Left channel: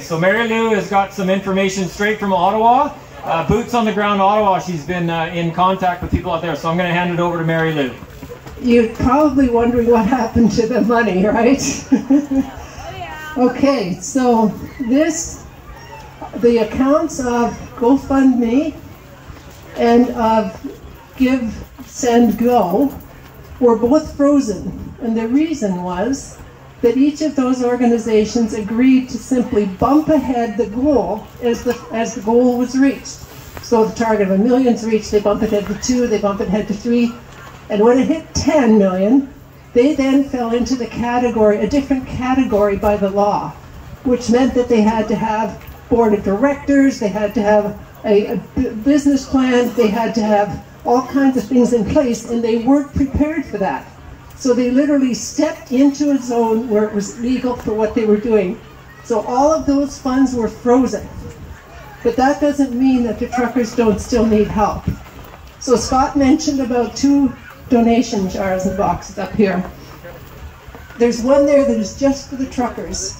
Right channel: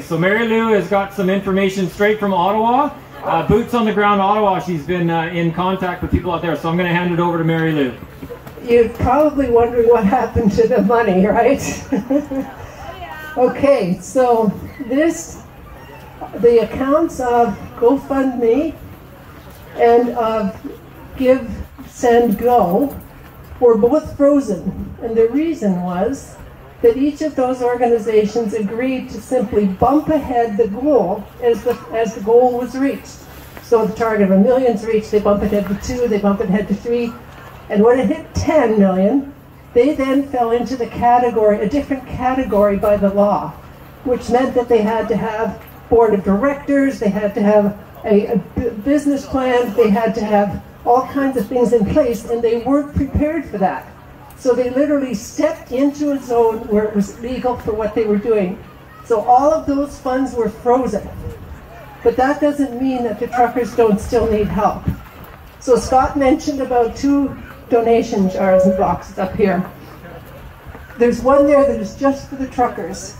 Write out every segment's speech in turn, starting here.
So Mary Lou has got some information straight from Ottawa. Boots on the ground Ottawa. She's been in contact with people out there. So I'm going to hand it over to Mary Lou. You're probably wondering what happened to the money, right? Okay, so the accounts of GoFundMe and of Give, Send, Go were both frozen. And the reason was that each of those organizations agreed to simply bump ahead the goal as the goal was reached. So the target of $1 million is reached, they bump it ahead to 2, they bump it ahead to 3, and when it hit 10 million, they then fell into the category, a different category by the law, which meant that they had to have board of directors, they had to have a business plan, they had to have all kinds of things in place, and they weren't prepared for that. So they literally stepped into a zone where it was legal for what they were doing. So all of those funds were frozen. But that doesn't mean that the truckers don't still need help. So Scott mentioned about 2 donation jars and boxes up here. There's one there that is just for the truckers.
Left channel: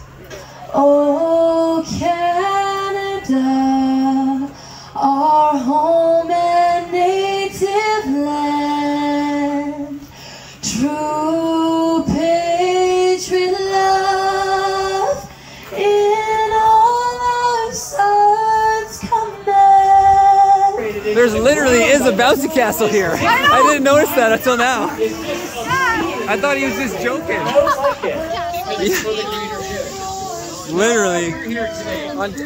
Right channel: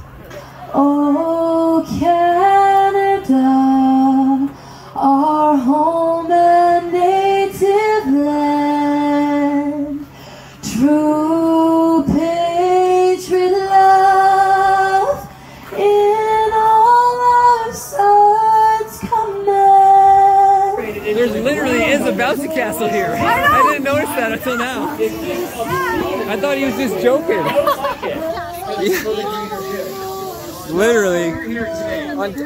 Oh, Canada, our home and native land, true patriot love in all our sons command. There's literally is a bouncy castle here. I didn't notice that until now. I thought he was just joking. Yeah. Literally,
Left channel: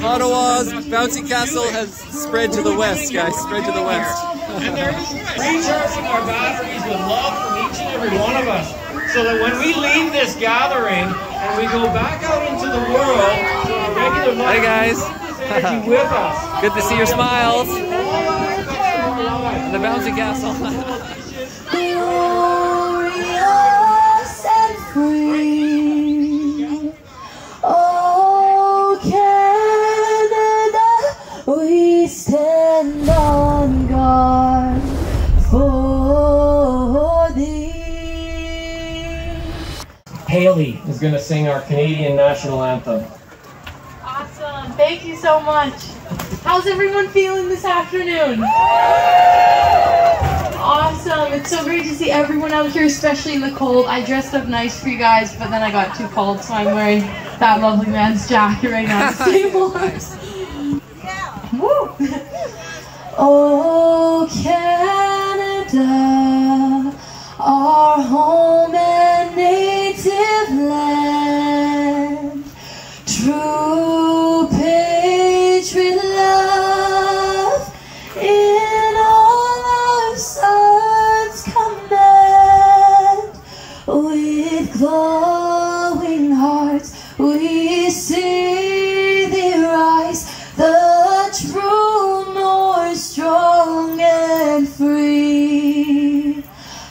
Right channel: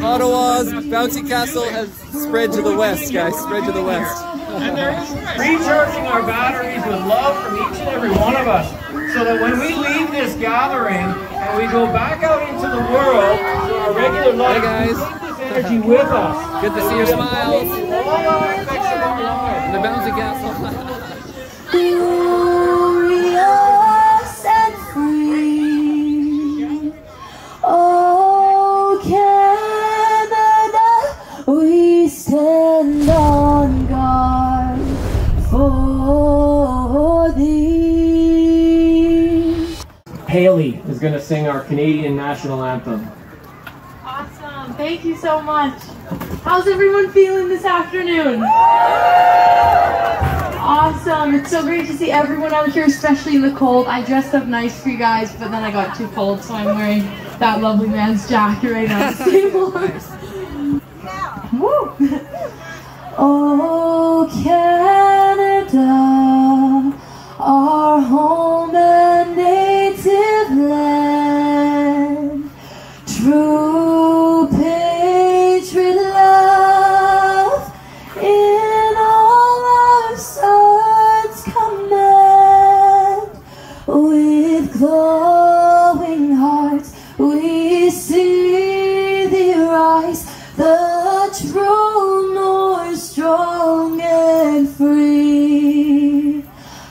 Ottawa's bouncy castle has spread to the west, guys. Spread to the west. And they're recharging our batteries with love from each and every one of us, so that when we leave this gathering and we go back out into the world, regular life, hey guys. Energy with us. Good to see your smiles. And the bouncy castle. Glorious and free. Oh, Canada, we stand on guard for thee. Haley is going to sing our Canadian national anthem. Awesome. Thank you so much. How's everyone feeling this afternoon? Awesome. It's so great to see everyone out here, especially in the cold. I dressed up nice for you guys, but then I got too cold, so I'm wearing that lovely man's jacket right now. Nice. Woo! Oh, Canada, our home and native land, true patriot love in all our sons command. With glowing hearts we see thee rise, the true north, strong and free.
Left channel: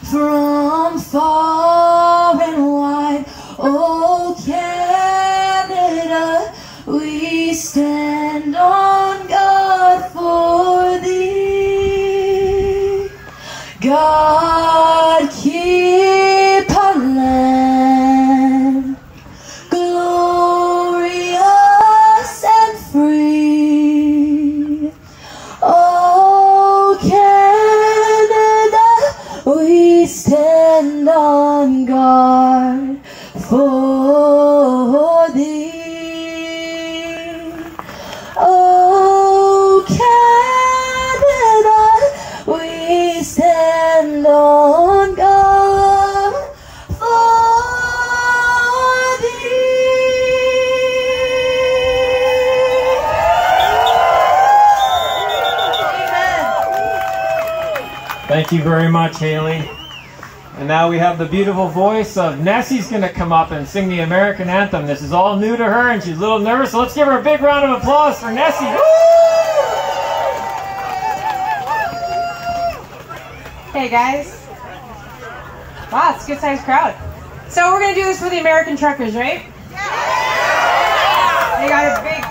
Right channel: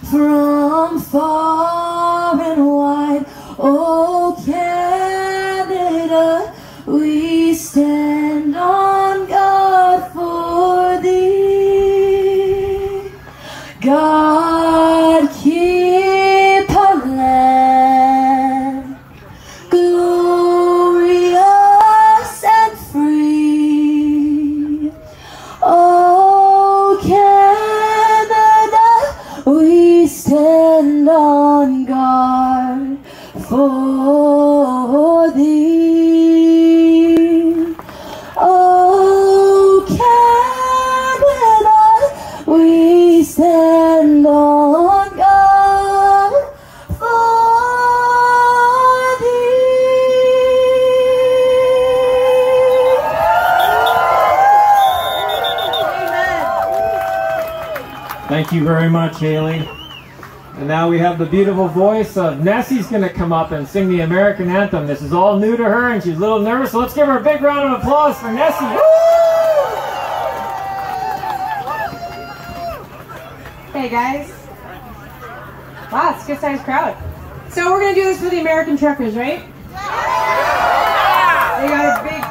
From far and wide, oh Canada, we stand on guard for thee. God keep our land glorious and free. Oh, Canada, we stand on guard for thee. Oh, Canada, we stand on guard for thee. Thank you very much, Haley. And now we have the beautiful voice of Nessie's going to come up and sing the American anthem. This is all new to her and she's a little nervous, so let's give her a big round of applause for Nessie. Woo! Hey guys. Wow, it's a good sized crowd. So we're going to do this for the American truckers, right? They got a big,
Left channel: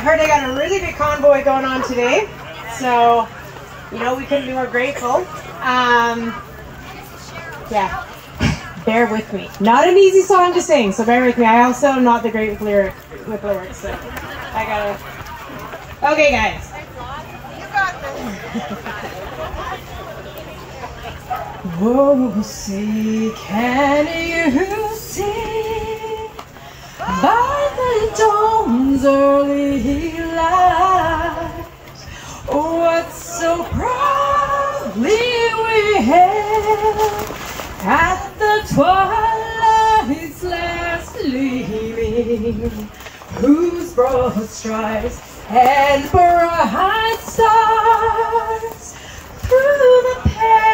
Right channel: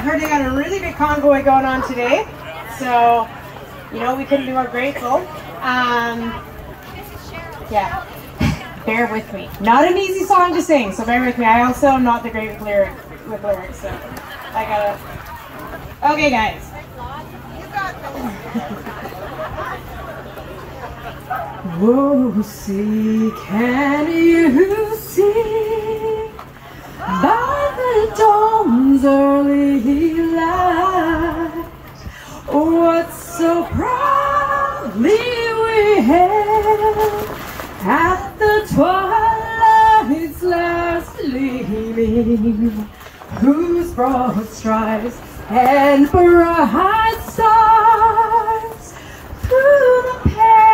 heard they got a really big convoy going on today. So, you know, we couldn't be more grateful. Yeah. bear with me. Not an easy song to sing, so bear with me. I also am not the great with lyrics, so I gotta... Okay, guys. Oh, see, can you see by the dawn's early light what so proudly we hailed at the twilight's last gleaming, whose broad strides and bright stars through the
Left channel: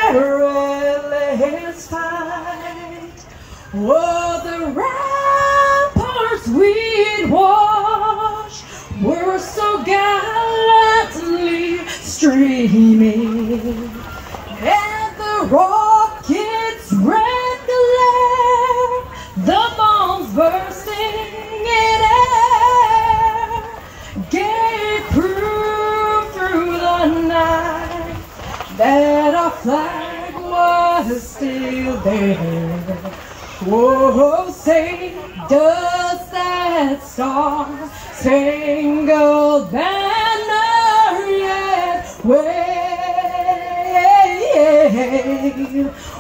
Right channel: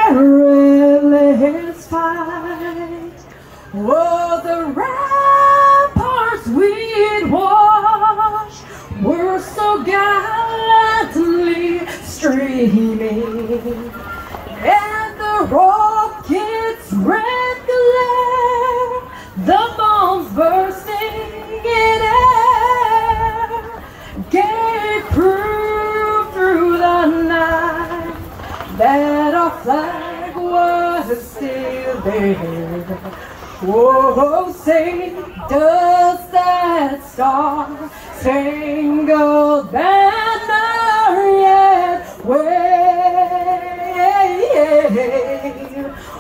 perilous fight. Oh, the ramparts we'd watch were so gallantly streaming, and the rockets' red glare, the bombs bursting in air, gave proof through the night that our flag was still there. Whoa, say, does that star-spangled banner yet wave?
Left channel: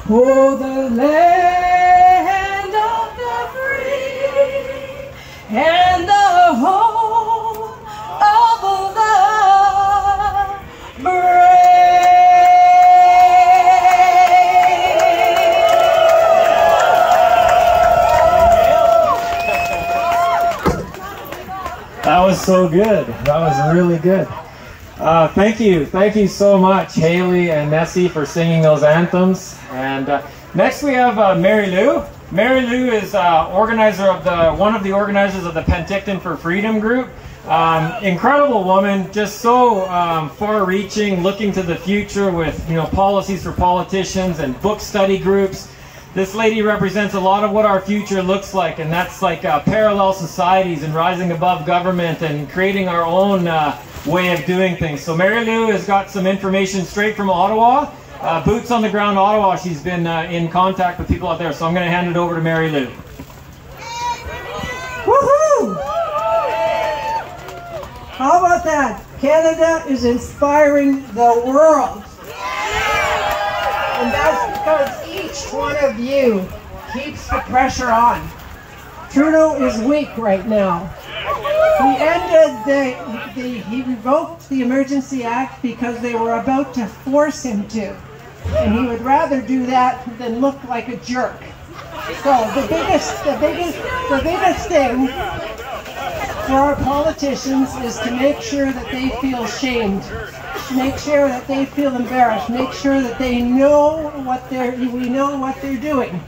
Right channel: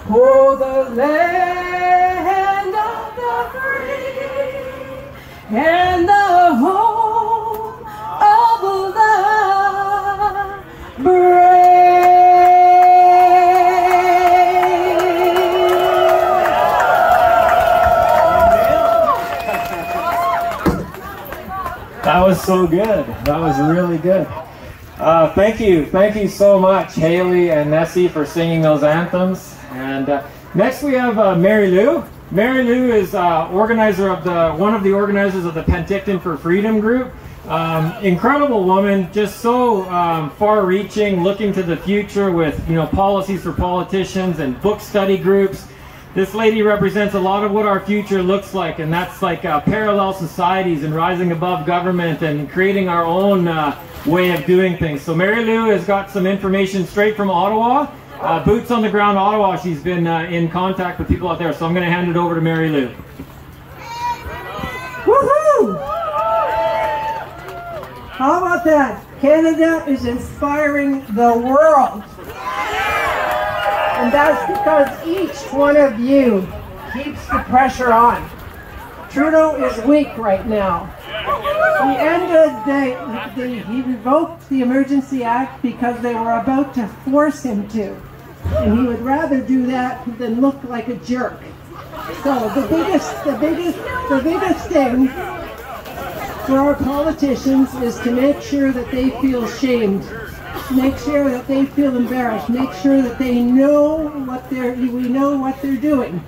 Oh, the land of the free and the home of the brave. That was so good. That was really good. Thank you so much, Haley and Nessie, for singing those anthems. And next we have Mary Lou. Mary Lou is organizer of one of the organizers of the Penticton for Freedom group. Incredible woman, just so far-reaching, looking to the future with policies for politicians and book study groups. This lady represents a lot of what our future looks like, and that's like parallel societies and rising above government and creating our own way of doing things. So Mary Lou has got some information straight from Ottawa. Boots on the ground Ottawa. She's been in contact with people out there, so I'm going to hand it over to Mary Lou. Woohoo! How about that? Canada is inspiring the world. And that's because each one of you keeps the pressure on. Trudeau is weak right now. He he revoked the Emergency Act because they were about to force him to. And he would rather do that than look like a jerk. So the biggest thing for our politicians is to make sure that they feel shamed. Make sure that they feel embarrassed. Make sure that they know we know what they're doing.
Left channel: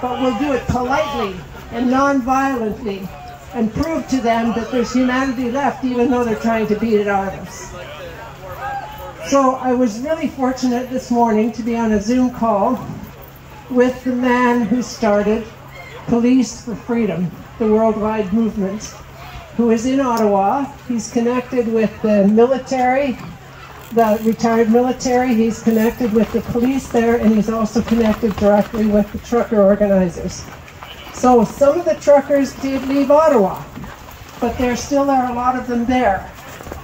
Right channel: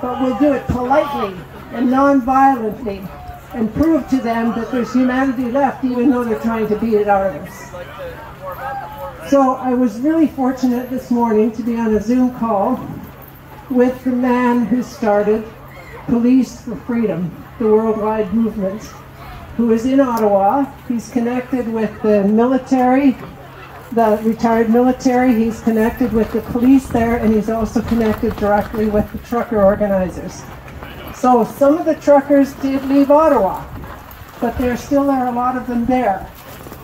But we'll do it politely and non-violently and prove to them that there's humanity left, even though they're trying to beat it out of us. So I was really fortunate this morning to be on a Zoom call with the man who started Police for Freedom, the worldwide movement, who is in Ottawa. He's connected with the military, the retired military. He's connected with the police there, and he's also connected directly with the trucker organizers. So some of the truckers did leave Ottawa, but there still are a lot of them there.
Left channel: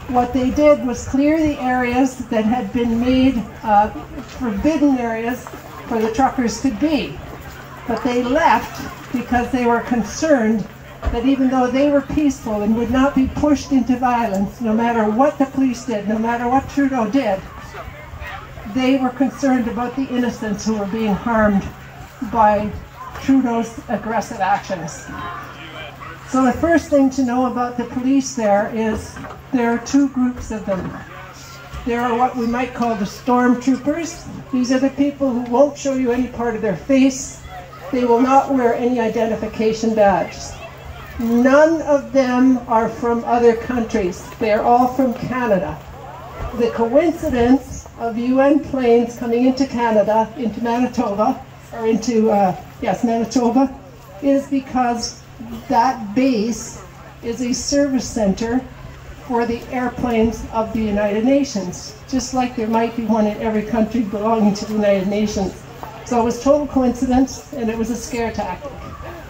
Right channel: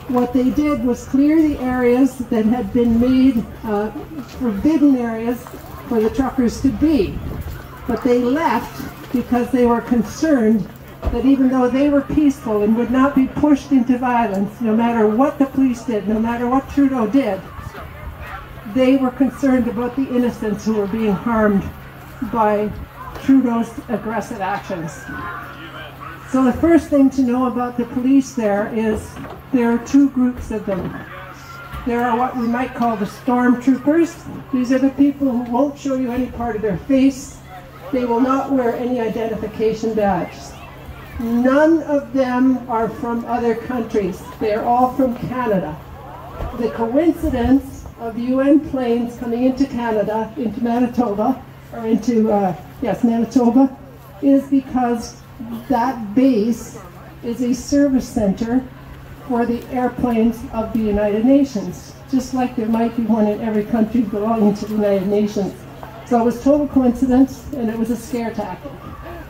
What they did was clear the areas that had been made forbidden areas for the truckers to be. But they left because they were concerned that even though they were peaceful and would not be pushed into violence, no matter what the police did, no matter what Trudeau did, they were concerned about the innocents who were being harmed by Trudeau's aggressive actions. So the first thing to know about the police there is there are two groups of them. There are what we might call the stormtroopers. These are the people who won't show you any part of their face. They will not wear any identification badges. None of them are from other countries. They are all from Canada. The coincidence of UN planes coming into Canada, into Manitoba, or into, Manitoba, is because that base is a service center for the airplanes of the United Nations, just like there might be one in every country belonging to the United Nations. So it was total coincidence, and it was a scare tactic.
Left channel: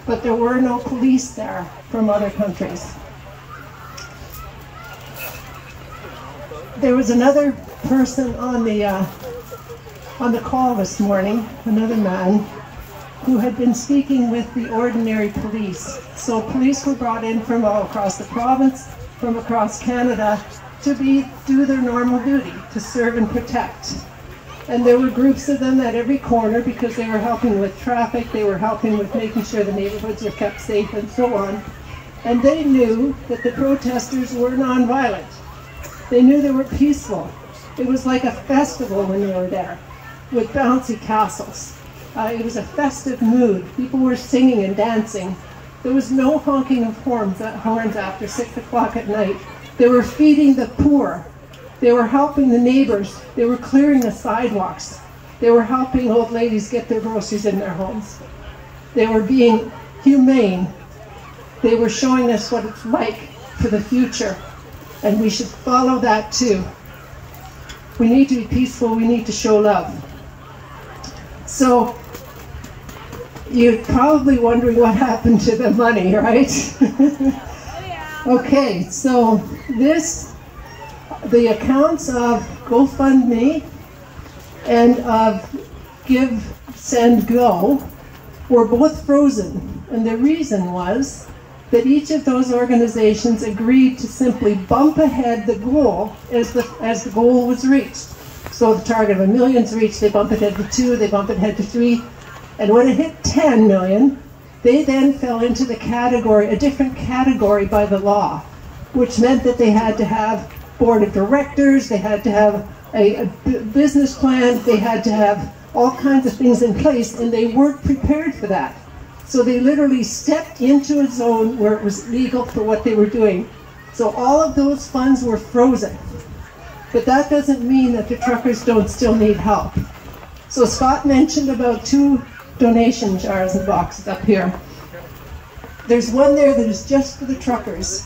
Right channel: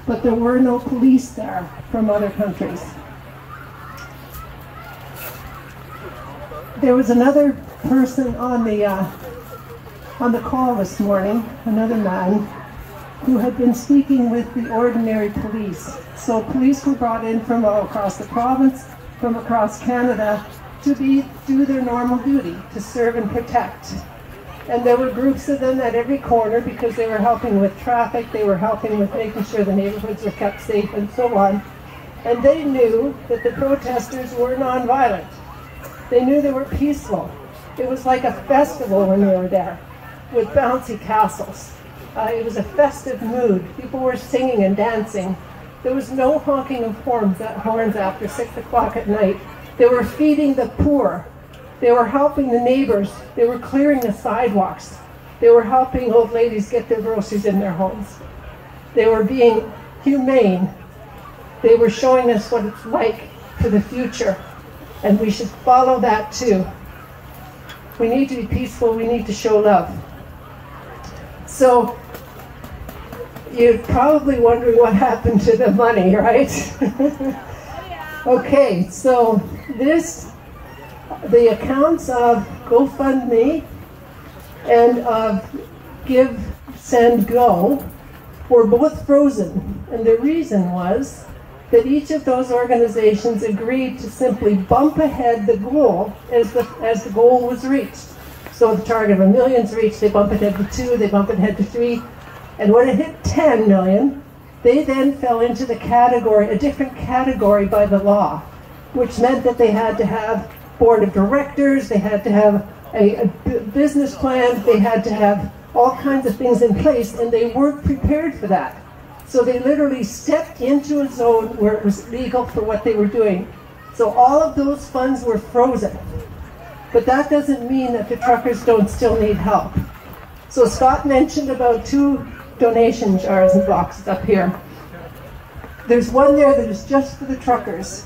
But there were no police there from other countries. There was another person on the call this morning, another man, who had been speaking with the ordinary police. So police were brought in from all across the province, from across Canada, to do their normal duty, to serve and protect. And there were groups of them at every corner because they were helping with traffic, they were helping with making sure the neighborhoods were kept safe and so on. And they knew that the protesters were nonviolent. They knew they were peaceful. It was like a festival when they were there, with bouncy castles. It was a festive mood. People were singing and dancing. There was no honking of horns after 6 o'clock at night. They were feeding the poor. They were helping the neighbors. They were clearing the sidewalks. They were helping old ladies get their groceries in their homes. They were being humane. They were showing us what it's like for the future. And we should follow that too. We need to be peaceful. We need to show love. So, you're probably wondering what happened to the money, right? Okay, so the accounts of GoFundMe and of Give, Send, Go were both frozen. And the reason was that each of those organizations agreed to simply bump ahead the goal as the goal was reached. So the target of 1 million's reached, they bump ahead to 2, they bump ahead to 3, and when it hit 10 million, they then fell into the category, a different category by the law, which meant that they had to have board of directors, they had to have a business plan, they had to have all kinds of things in place, and they weren't prepared for that. So they literally stepped into a zone where it was legal for what they were doing. So all of those funds were frozen. But that doesn't mean that the truckers don't still need help. So Scott mentioned about 2 donation jars and boxes up here. There's one there that is just for the truckers.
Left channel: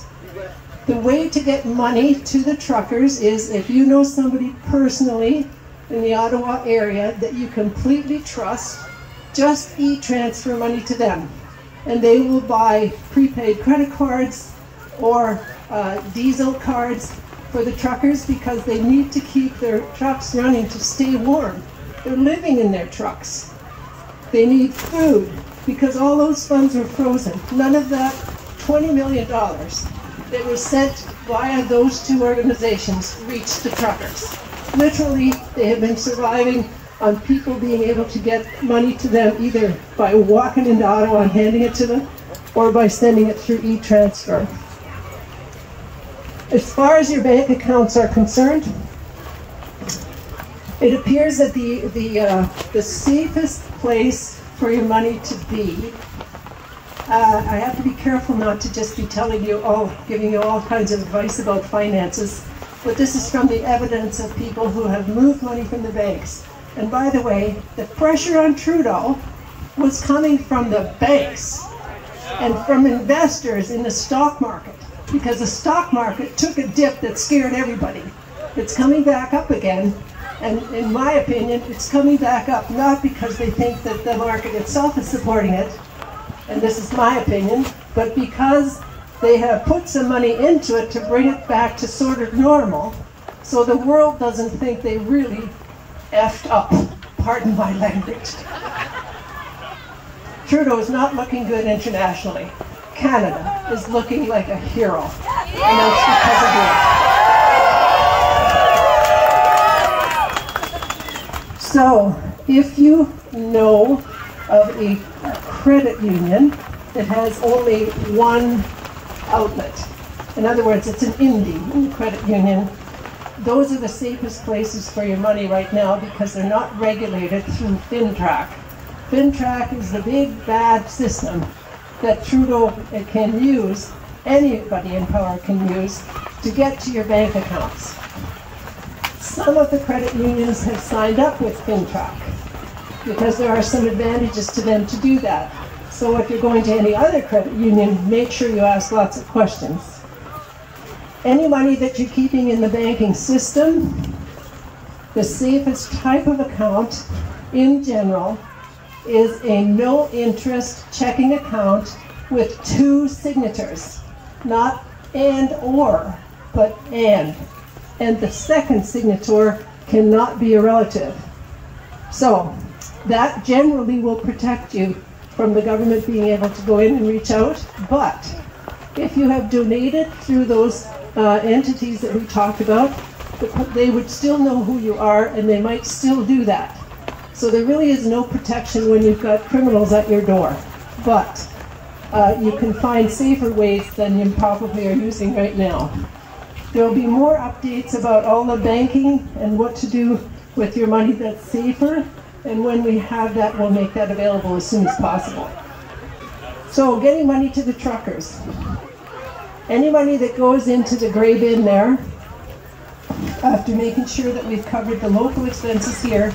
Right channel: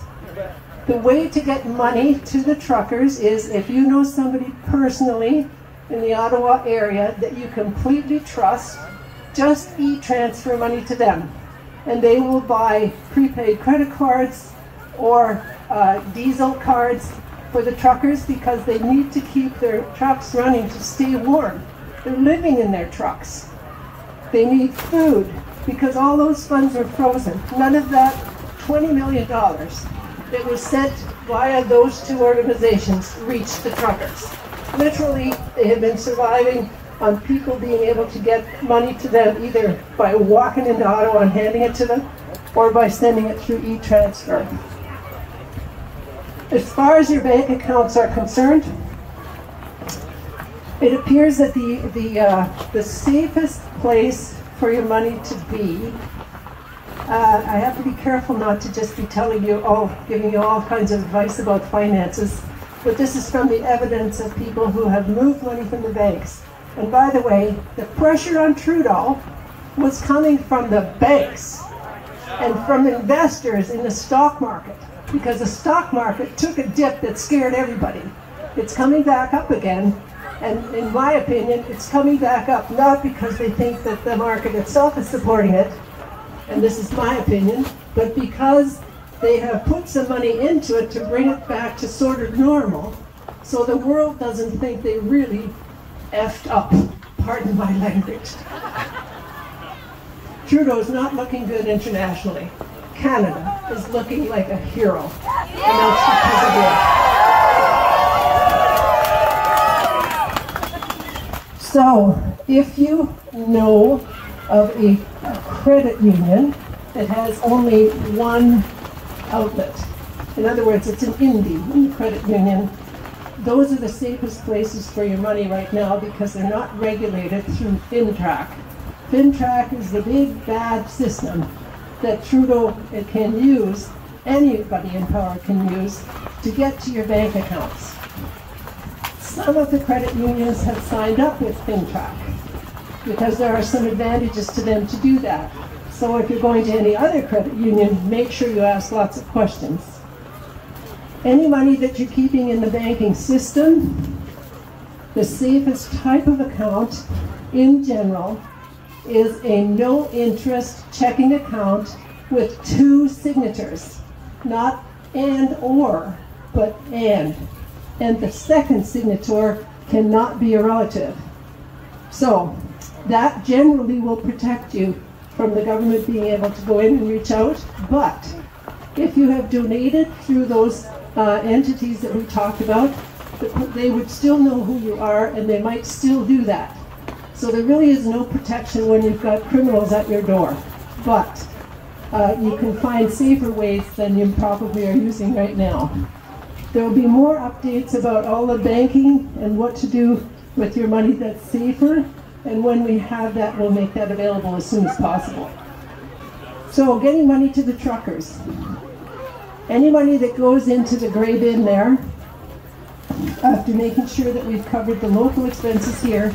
The way to get money to the truckers is if you know somebody personally in the Ottawa area that you completely trust, just Etransfer money to them. And they will buy prepaid credit cards or diesel cards for the truckers because they need to keep their trucks running to stay warm. They're living in their trucks. They need food because all those funds were frozen. None of that $20 million that was sent via those 2 organizations reached the truckers. Literally, they have been surviving on people being able to get money to them either by walking into Ottawa and handing it to them or by sending it through Etransfer. As far as your bank accounts are concerned, it appears that the safest place for your money to be, I have to be careful not to just be giving you all kinds of advice about finances, but this is from the evidence of people who have moved money from the banks. And by the way, the pressure on Trudeau was coming from the banks and from investors in the stock market, because the stock market took a dip that scared everybody. It's coming back up again, and in my opinion, it's coming back up not because they think that the market itself is supporting it, and this is my opinion, but because they have put some money into it to bring it back to sort of normal, so the world doesn't think they really effed up. Pardon my language. Trudeau is not looking good internationally. Canada is looking like a hero, and that's because of it. So, if you know of a credit union that has only one outlet, in other words, it's an indie credit union, those are the safest places for your money right now because they're not regulated through FinTrack. FinTrack is the big bad system that Trudeau can use, anybody in power can use, to get to your bank accounts. Some of the credit unions have signed up with FinTrack because there are some advantages to them to do that. So if you're going to any other credit union, make sure you ask lots of questions. Any money that you're keeping in the banking system, the safest type of account in general is a no-interest checking account with 2 signatures, not and or, but and. And the second signature cannot be a relative. So that generally will protect you from the government being able to go in and reach out. But if you have donated through those entities that we talked about, they would still know who you are, and they might still do that. So there really is no protection when you've got criminals at your door. But you can find safer ways than you probably are using right now. There will be more updates about all the banking and what to do with your money that's safer. And when we have that, we'll make that available as soon as possible. So getting money to the truckers. Any money that goes into the gray bin there, after making sure that we've covered the local expenses here,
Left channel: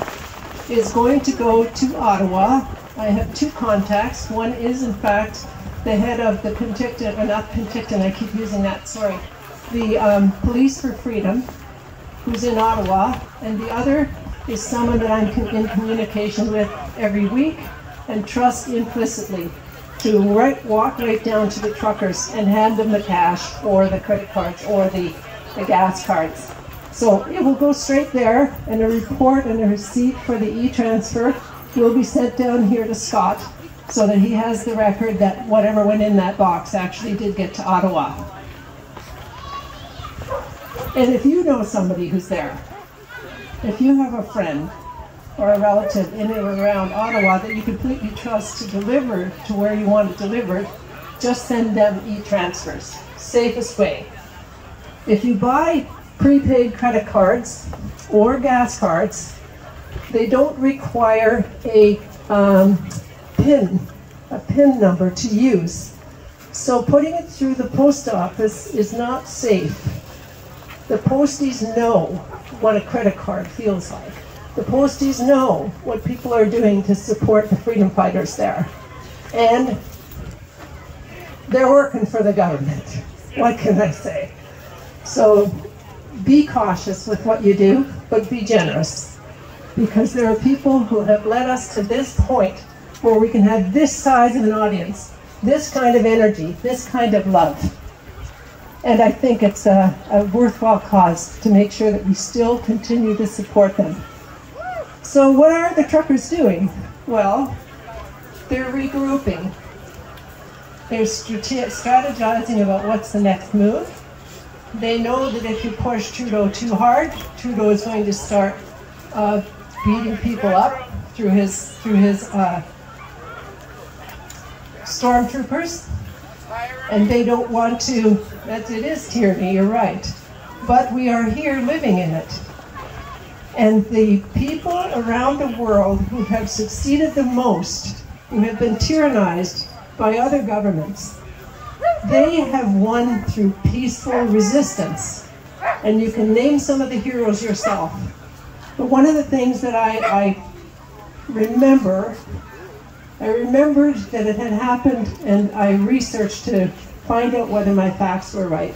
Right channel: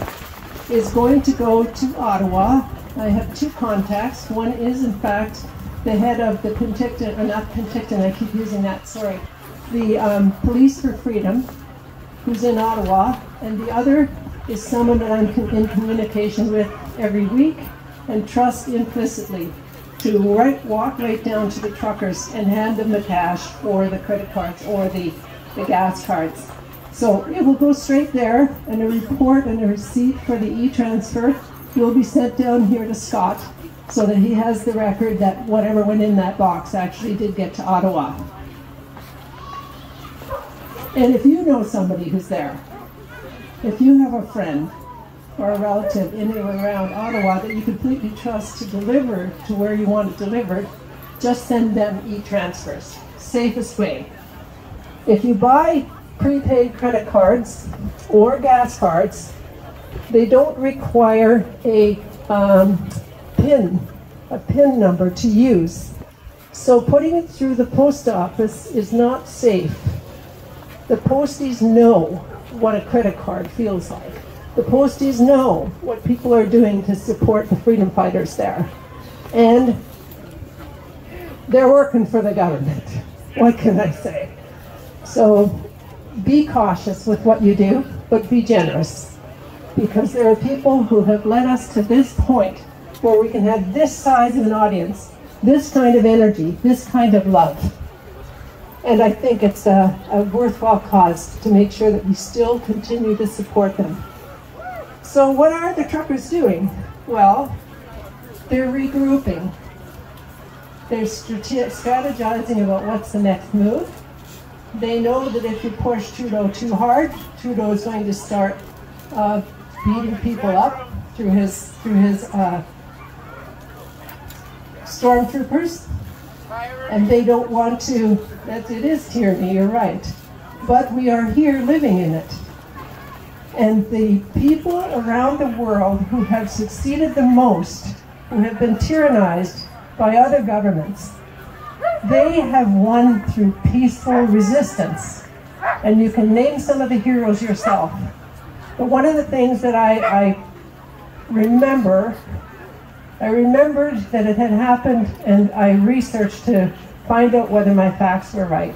is going to go to Ottawa. I have 2 contacts. One is, in fact, the head of the Penticton, or not Penticton, I keep using that, sorry, the Police for Freedom, who's in Ottawa, and the other is someone that I'm in communication with every week and trust implicitly to walk right down to the truckers and hand them the cash or the credit cards or the gas cards. So it will go straight there, and a report and a receipt for the e-transfer will be sent down here to Scott so that he has the record that whatever went in that box actually did get to Ottawa. And if you know somebody who's there, if you have a friend or a relative in and around Ottawa that you completely trust to deliver to where you want it delivered, just send them e-transfers. Safest way. If you buy prepaid credit cards or gas cards, they don't require a PIN number to use. So putting it through the post office is not safe. The posties know what a credit card feels like. The posties know what people are doing to support the freedom fighters there. And they're working for the government. What can I say? So be cautious with what you do, but be generous. Because there are people who have led us to this point where we can have this size of an audience, this kind of energy, this kind of love. And I think it's a worthwhile cause to make sure that we still continue to support them. So what are the truckers doing? Well, they're regrouping. They're strategizing about what's the next move. They know that if you push Trudeau too hard, Trudeau is going to start beating people up through his stormtroopers. And they don't want to, it is tyranny, you're right. But we are here living in it. And the people around the world who have succeeded the most, who have been tyrannized by other governments, they have won through peaceful resistance. And you can name some of the heroes yourself. But one of the things that I remembered that it had happened, and I researched to find out whether my facts were right,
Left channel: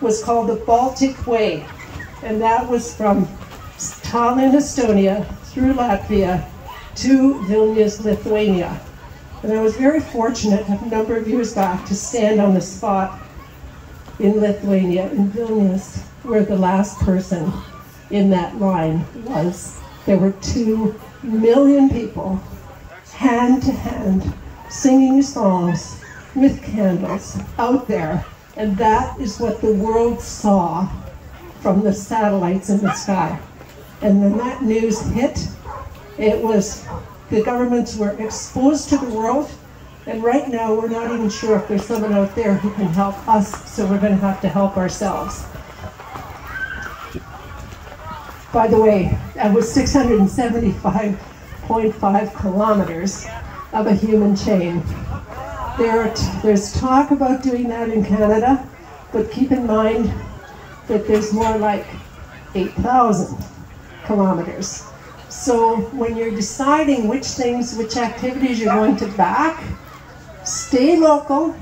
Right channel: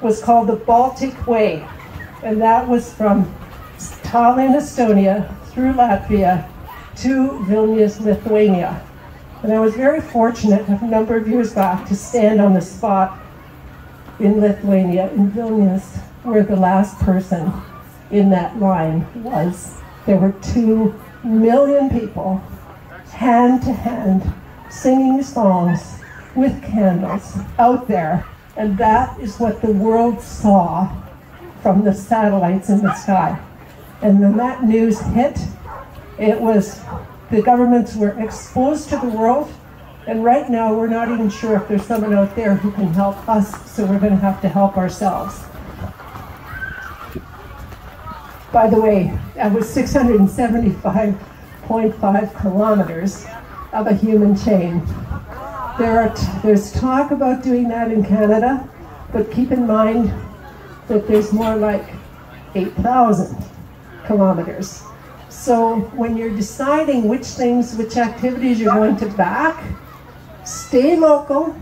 was called the Baltic Way. And that was from Tallinn, Estonia, through Latvia to Vilnius, Lithuania. And I was very fortunate a number of years back to stand on the spot in Lithuania, in Vilnius, where the last person in that line was. There were 2 million people, hand to hand, singing songs with candles out there. And that is what the world saw from the satellites in the sky. And when that news hit, it was, the governments were exposed to the world, and right now we're not even sure if there's someone out there who can help us, so we're going to have to help ourselves. By the way, that was 675.5 kilometers of a human chain. There's talk about doing that in Canada, but keep in mind that there's more like 8,000 kilometers. So when you're deciding which activities you're going to back, stay local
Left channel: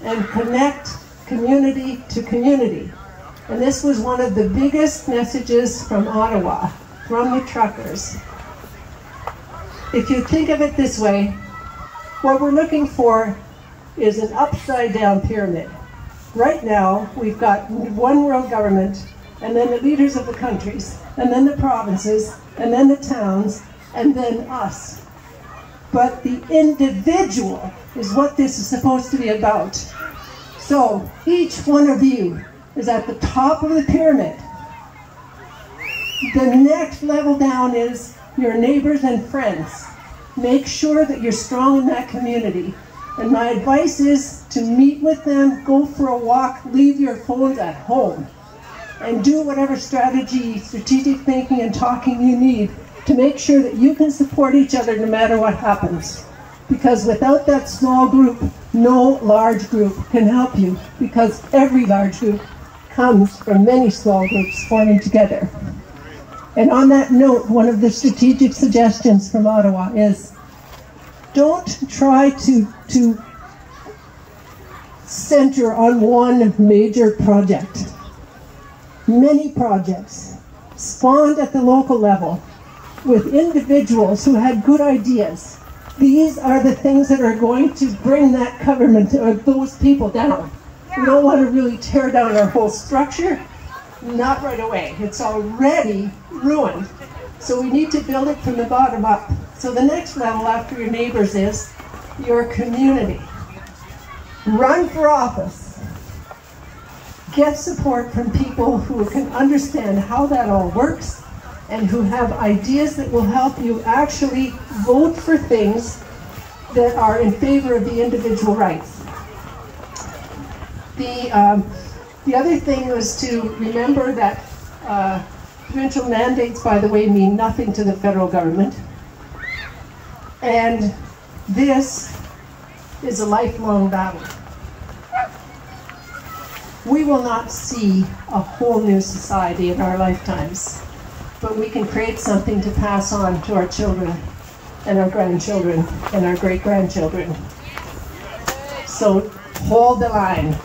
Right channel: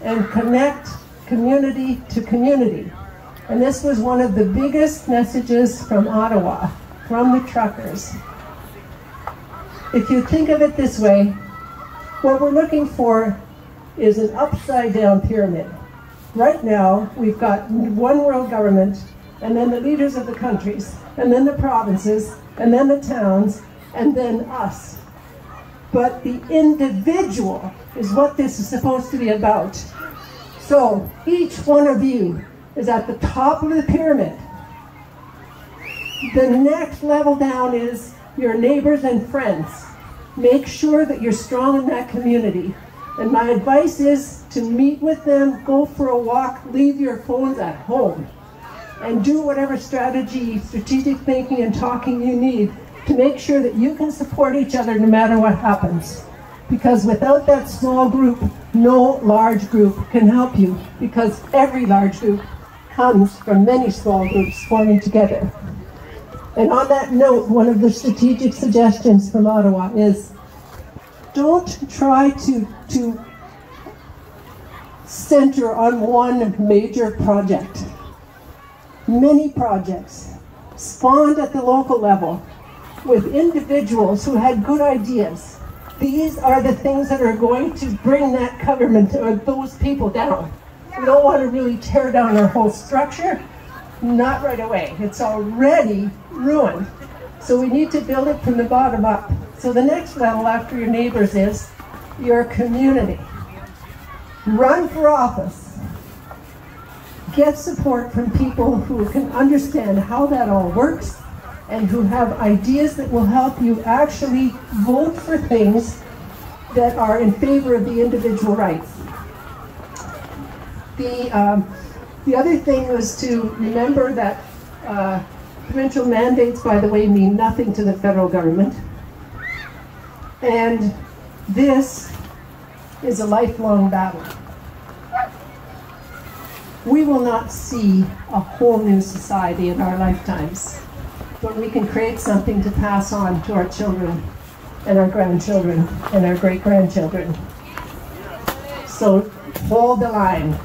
and connect community to community. And this was one of the biggest messages from Ottawa, from the truckers. if you think of it this way, what we're looking for is an upside-down pyramid. Right now, we've got one world government, and then the leaders of the countries, and then the provinces, and then the towns, and then us. But the individual is what this is supposed to be about. So each one of you is at the top of the pyramid. The next level down is your neighbors and friends. Make sure that you're strong in that community. And my advice is to meet with them, go for a walk, leave your phones at home, and do whatever strategic thinking and talking you need to make sure that you can support each other no matter what happens. Because without that small group, no large group can help you, because every large group comes from many small groups forming together. And on that note, one of the strategic suggestions from Ottawa is don't try to center on one major project. Many projects spawned at the local level with individuals who had good ideas. These are the things that are going to bring that government or those people down. We don't want to really tear down our whole structure. Not right away. It's already ruined. So we need to build it from the bottom up. So the next level after your neighbors is your community. Run for office. Get support from people who can understand how that all works and who have ideas that will help you actually vote for things that are in favor of the individual rights. The other thing was to remember that provincial mandates, by the way, mean nothing to the federal government. And this is a lifelong battle. We will not see a whole new society in our lifetimes, but we can create something to pass on to our children and our grandchildren and our great-grandchildren. So hold the line.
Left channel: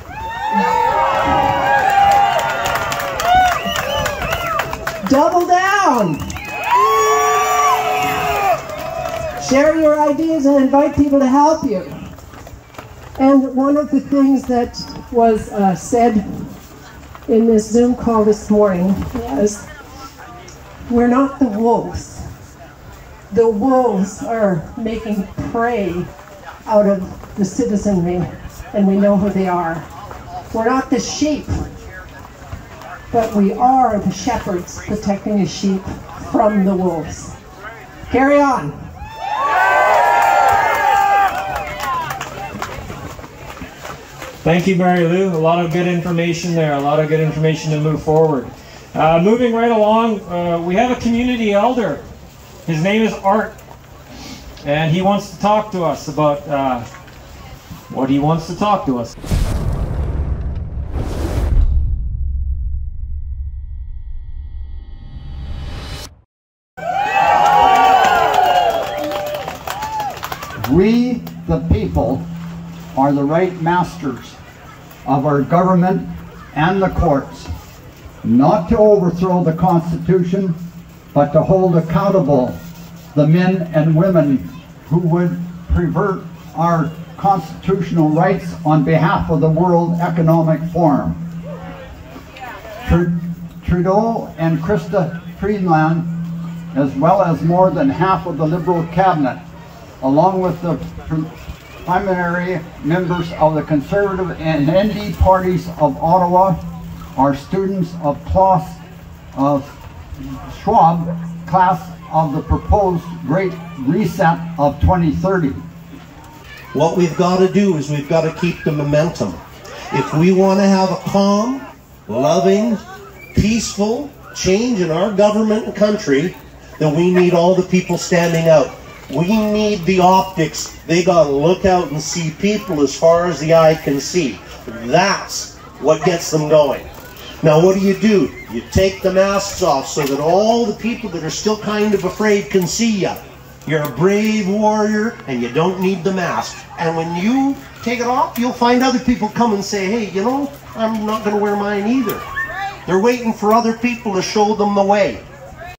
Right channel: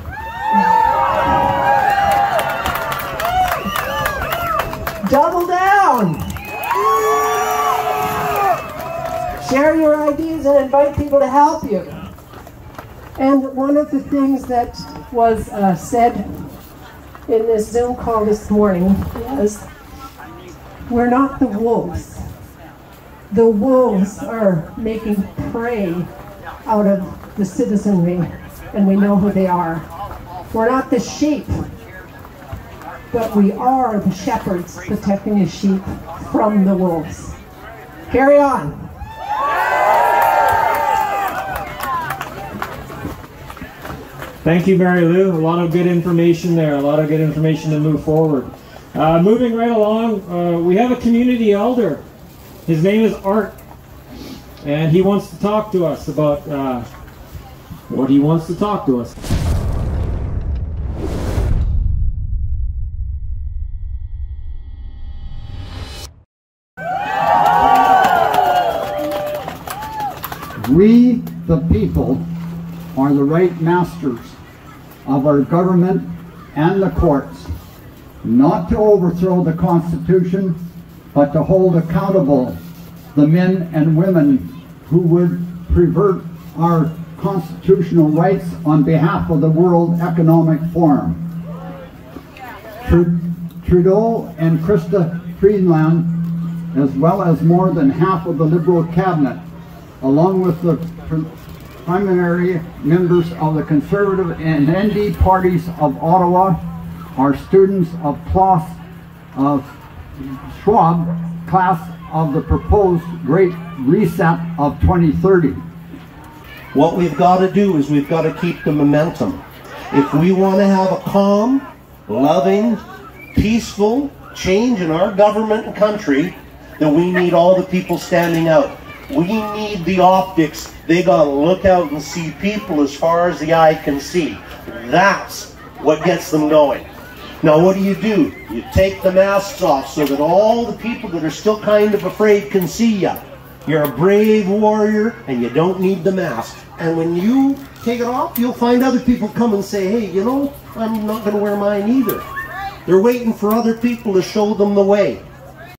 Double down! Share your ideas and invite people to help you. And one of the things that was said in this Zoom call this morning was, we're not the wolves. The wolves are making prey out of the citizenry, and we know who they are. We're not the sheep, but we are the shepherds protecting the sheep from the wolves. Carry on. Thank you, Mary Lou. A lot of good information there, a lot of good information to move forward. Moving right along, we have a community elder. His name is Art, and he wants to talk to us about what he wants to talk to us. We, the people, are the right masters of our government and the courts, not to overthrow the Constitution, but to hold accountable the men and women who would pervert our constitutional rights on behalf of the World Economic Forum. Trudeau and Chrystia Freeland, as well as more than half of the Liberal cabinet, along with the primary members of the Conservative and ND parties of Ottawa, are students of Klaus Schwab class of the proposed Great Reset of 2030. What we've got to do is we've got to keep the momentum. If we want to have a calm, loving, peaceful change in our government and country, then we need all the people standing out. We need the optics. They got to look out and see people as far as the eye can see. That's what gets them going. Now what do? You take the masks off so that all the people that are still kind of afraid can see you. You're a brave warrior and you don't need the mask. And when you take it off, you'll find other people come and say, hey, you know, I'm not going to wear mine either. They're waiting for other people to show them the way.